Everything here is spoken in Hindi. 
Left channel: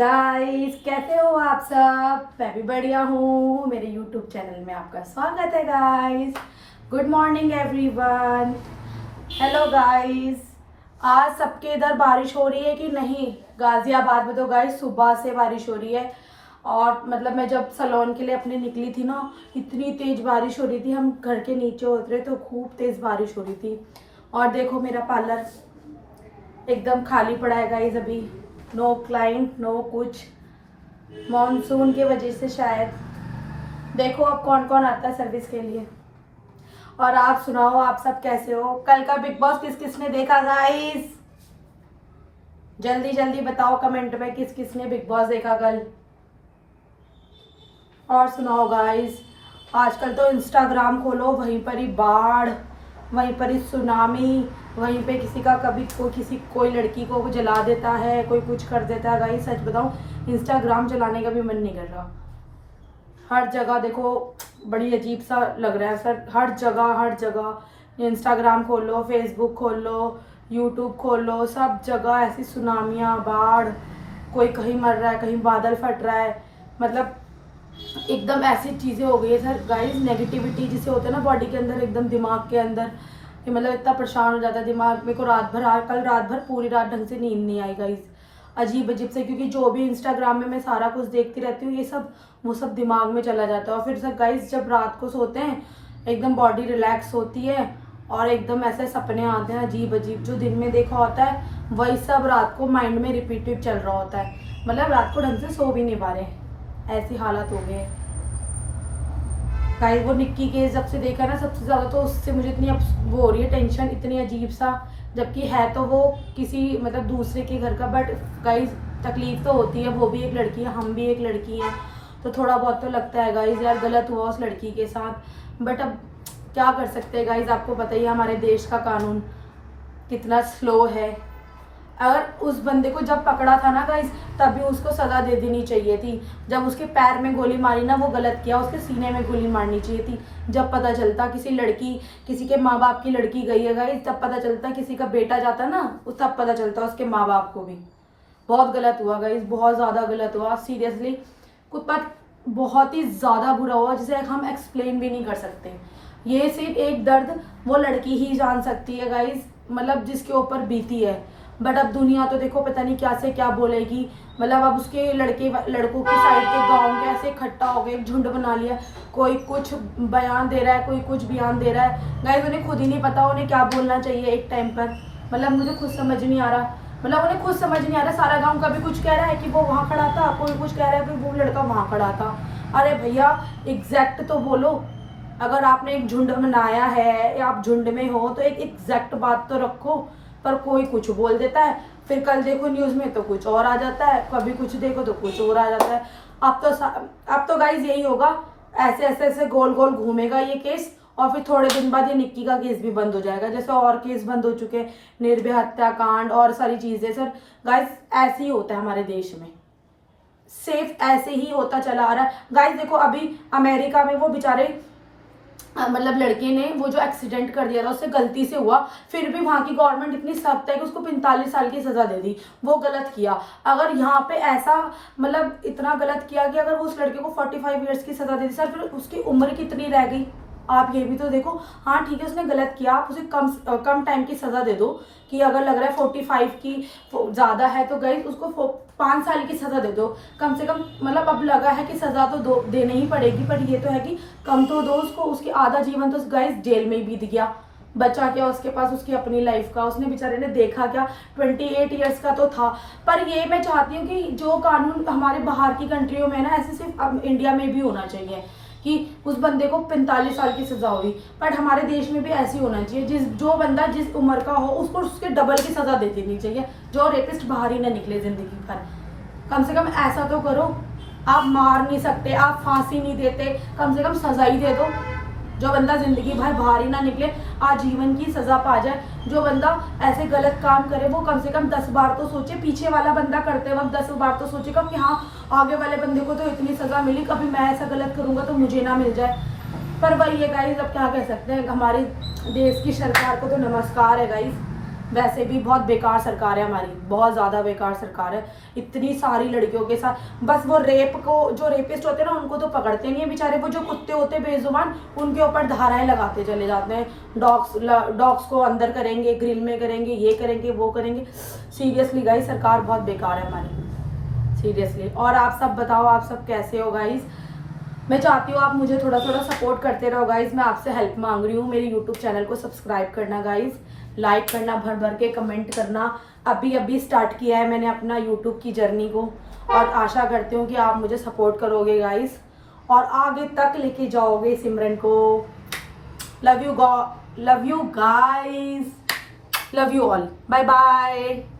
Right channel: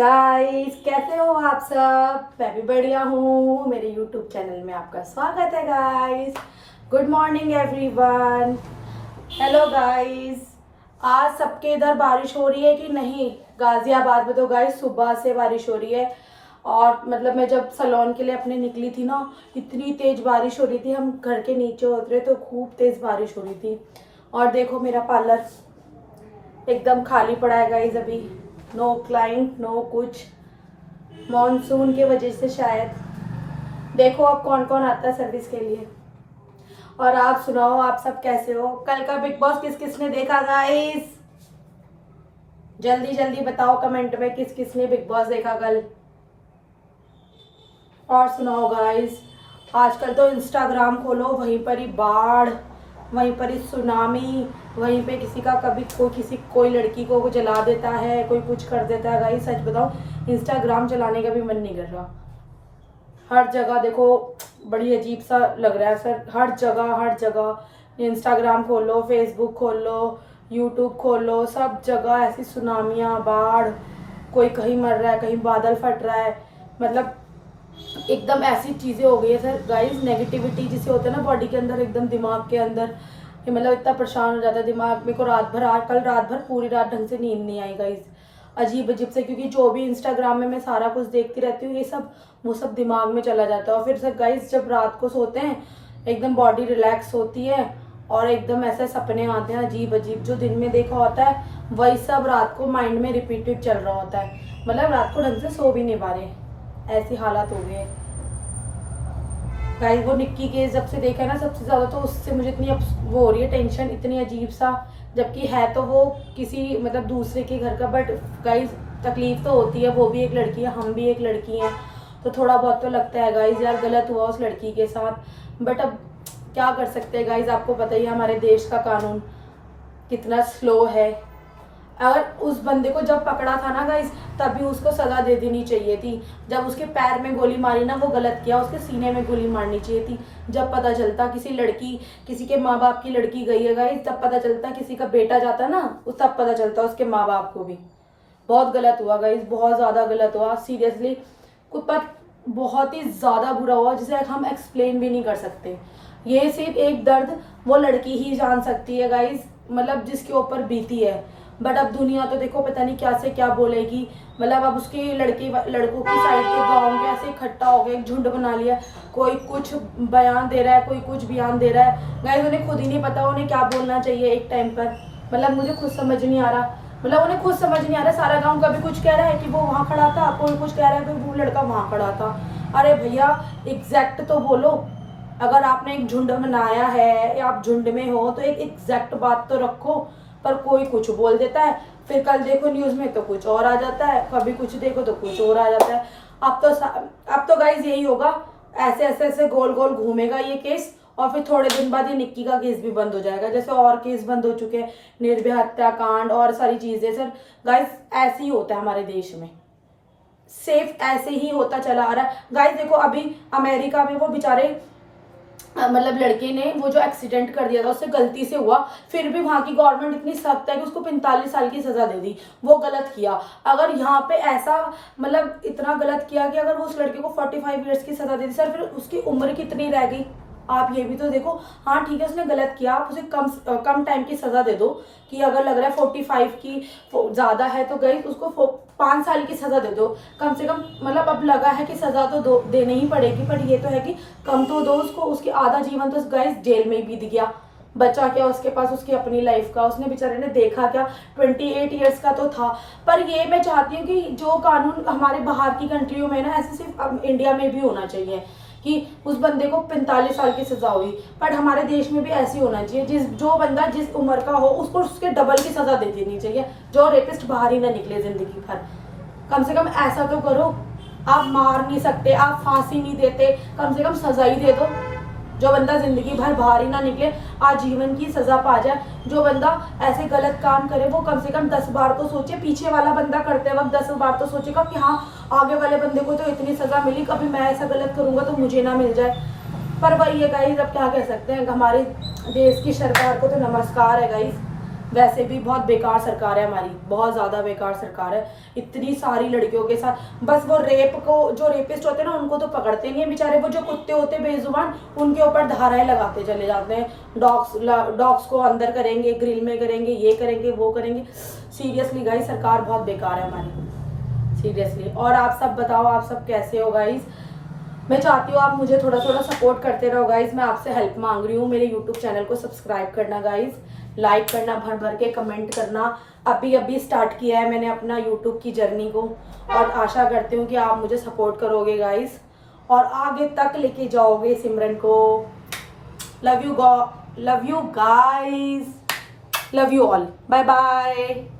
गाइस, कैसे हो आप सब। मैं भी बढ़िया हूँ। मेरे यूट्यूब चैनल में आपका स्वागत है guys. Good morning everyone. Hello guys. आज सबके इधर बारिश हो रही है कि नहीं? गाजियाबाद में तो गाइस सुबह से बारिश हो रही है। और मतलब मैं जब सलोन के लिए अपने निकली थी ना, इतनी तेज़ बारिश हो रही थी। हम घर के नीचे उतरे तो खूब तेज़ बारिश हो रही थी। और देखो मेरा पार्लर एकदम खाली पड़ा है गाइस। अभी नो क्लाइंट, नो कुछ। मॉनसून की वजह से शायद। देखो अब कौन कौन आता है सर्विस के लिए। और आप सुनाओ, आप सब कैसे हो? कल का बिग बॉस किस किस ने देखा गाइस? जल्दी जल्दी बताओ कमेंट में किस किस ने बिग बॉस देखा कल। और सुनाओ गाइस, आजकल तो इंस्टाग्राम खोलो वहीं पर ही बाढ़, वहीं पर ही सुनामी, वहीं पे किसी का कभी कोई लड़की को जला देता है, कोई कुछ कर देता है गाइस। सच बताऊं, इंस्टाग्राम चलाने का भी मन नहीं कर रहा। हर जगह देखो बड़ी अजीब सा लग रहा है सर। हर जगह इंस्टाग्राम खोल लो, फेसबुक खोल लो, यूट्यूब खोल लो, सब जगह ऐसी सुनामियाँ, बाढ़, कोई कहीं मर रहा है, कहीं बादल फट रहा है। मतलब एकदम ऐसी चीज़ें हो गई है सर गाइस। नेगेटिविटी जिसे होता है ना बॉडी के अंदर, एकदम दिमाग के अंदर, कि मतलब इतना परेशान हो जाता है दिमाग। मेरे को कल रात भर पूरी रात ढंग से नींद नहीं आई गाइस। अजीब अजीब से, क्योंकि जो भी इंस्टाग्राम में मैं सारा कुछ देखती रहती हूँ, ये सब वो सब दिमाग में चला जाता है। और फिर सर गाइस, जब रात को सोते हैं एकदम बॉडी रिलैक्स होती है और एकदम ऐसे सपने आते हैं अजीब अजीब। जो दिन में देखा होता है वही सब रात को माइंड में रिपीटेड चल रहा होता है। मतलब रात को ढंग से सो भी नहीं पा रहे, ऐसी हालत हो गई है गाइस। वो निक्की केस जब से देखा ना, सबसे ज़्यादा तो उससे मुझे इतनी वो हो रही है टेंशन, इतनी अजीब सा। जबकि है तो वो किसी मतलब दूसरे के घर का, बट गाइस तकलीफ तो होती है। वो भी एक लड़की है, हम भी एक लड़की हैं, तो थोड़ा बहुत तो लगता है गाइस यार गलत हुआ उस लड़की के साथ। बट अब क्या कर सकते हैं गाइस, आपको पता ही है हमारे देश का कानून कितना स्लो है। अगर उस बंदे को जब पकड़ा था ना गाइस, तभी उसको सजा दे देनी चाहिए थी। जब उसके पैर में गोली मारी ना, वो गलत किया। उसके सीने में गोली मारनी चाहिए थी। जब पता चलता किसी के माँ बाप की लड़की गई है गाइस, तब पता चलता। किसी का बेटा जाता ना, तब पता चलता उसके माँ बाप को भी। बहुत गलत हुआ गाइस, बहुत ज़्यादा गलत हुआ सीरियसली। कुछ बात बहुत ही ज़्यादा बुरा हुआ जिसे हम एक्सप्लेन भी नहीं कर सकते। ये सिर्फ एक दर्द वो लड़की ही जान सकती है गाइस, मतलब जिसके ऊपर बीती है। बट अब दुनिया तो देखो पता नहीं क्या से क्या बोलेगी। मतलब अब उसके लड़कों की साइड के गांव के ऐसे इकट्ठा हो गए, एक झुंड बना लिया। कोई कुछ बयान दे रहा है, कोई कुछ बयान दे रहा है गाइस। उन्हें खुद ही नहीं पता उन्हें क्या बोलना चाहिए एक टाइम पर। मतलब मुझे खुद समझ नहीं आ रहा। मतलब उन्हें खुद समझ नहीं आ रहा। सारा गाँव कभी कुछ कह रहा है कि वो वहाँ खड़ा था, कोई कुछ कह रहा है कि वो लड़का वहाँ खड़ा था। अरे भैया एग्जैक्ट तो बोलो। अगर आपने एक झुंड बनाया है या आप झुंड में हो तो एक एग्जैक्ट बात तो रखो। पर कोई कुछ बोल देता है, फिर कल देखो न्यूज़ में तो कुछ और आ जाता है, कभी कुछ देखो तो कुछ और आ जाता है। अब तो गाइज यही होगा, ऐसे ऐसे ऐसे गोल गोल घूमेगा ये केस। और फिर थोड़े दिन बाद ये निक्की का केस भी बंद हो जाएगा, जैसे और केस बंद हो चुके हैं, निर्भया हत्याकांड और सारी चीज़ें। सर गाइज ऐसे ही होता है हमारे देश में, सेफ ऐसे ही होता चला आ रहा है गाइज। देखो अभी अमेरिका में वो बेचारे मतलब लड़के ने वो जो एक्सीडेंट कर दिया था उससे गलती से हुआ, फिर भी वहाँ की गवर्नमेंट इतनी सख्त है कि उसको 45 साल की सजा दे दी। वो गलत किया। अगर यहाँ पे ऐसा मतलब इतना गलत किया कि अगर वो उस लड़के को 45 ईयर्स की सजा दे दी, सर फिर उसकी उम्र कितनी रह गई? आप ये भी तो देखो। हाँ ठीक है उसने गलत किया, आप उसे कम टाइम की सजा दे दो। कि अगर लग रहा है 45 की ज़्यादा है तो गई उसको 5 साल की सजा दे दो कम से कम। मतलब अब लगा है कि सजा तो देनी ही पड़ेगी, पर ये तो है कि कम तो दो उसको। उसकी आधा जीवन तो गाइस जेल में ही बीत गया। बचा क्या उसके पास उसकी अपनी लाइफ का? उसने बेचारे ने देखा क्या? 28 ईयर्स का तो था। पर ये मैं चाहती हूँ कि जो कानून हमारे बाहर की कंट्रियों में ना, ऐसे सिर्फ इंडिया में भी होना चाहिए कि उस बंदे को 45 साल की सजा हुई, बट हमारे देश में भी ऐसी होना चाहिए। जो बंदा जिस उम्र का हो उसको उसके डबल की सजा दे देनी चाहिए, जो रेपिस्ट बाहर ही ना निकले जिंदगी भर। कम से कम ऐसा तो करो। आप मार नहीं सकते, आप फांसी नहीं देते, कम से कम सजा ही दे दो। जो बंदा जिंदगी भर बाहर ही ना निकले, आजीवन की सजा पा जाए। जो बंदा ऐसे गलत काम करे वो कम से कम 10 बार तो सोचे। पीछे वाला बंदा करते वक्त 10 बार तो सोचेगा कि हाँ आगे वाले बंदे को तो इतनी सजा मिली, कभी मैं ऐसा गलत करूंगा तो मुझे ना मिल जाए। पर वही है गाइस, अब क्या कह सकते हैं। हमारे देश की सरकार को तो नमस्कार है गाइस। वैसे भी बहुत बेकार सरकार है हमारी, बहुत ज़्यादा बेकार सरकार है। इतनी सारी लड़कियों के साथ बस वो रेप को, जो रेपिस्ट होते हैं ना उनको तो पकड़ते नहीं है बेचारे, वो जो कुत्ते होते हैं बेजुबान उनके ऊपर धाराएं लगाते चले जाते हैं। डॉग्स को अंदर करेंगे, ग्रिल में करेंगे, ये करेंगे वो करेंगे। सीरियसली गाइस सरकार बहुत बेकार है हमारी, सीरियसली। और आप सब बताओ, आप सब कैसे हो गाइस? मैं चाहती हूँ आप मुझे थोड़ा थोड़ा सपोर्ट करते रहो गाइज। मैं आपसे हेल्प मांग रही हूँ। मेरे यूट्यूब चैनल को सब्सक्राइब करना गाइज, लाइक करना, भर भर के कमेंट करना। अभी अभी स्टार्ट किया है मैंने अपना यूट्यूब की जर्नी को, और आशा करती हूँ कि आप मुझे सपोर्ट करोगे गाइज और आगे तक लेके जाओगे सिमरन को। Love you guys, love you all, bye bye.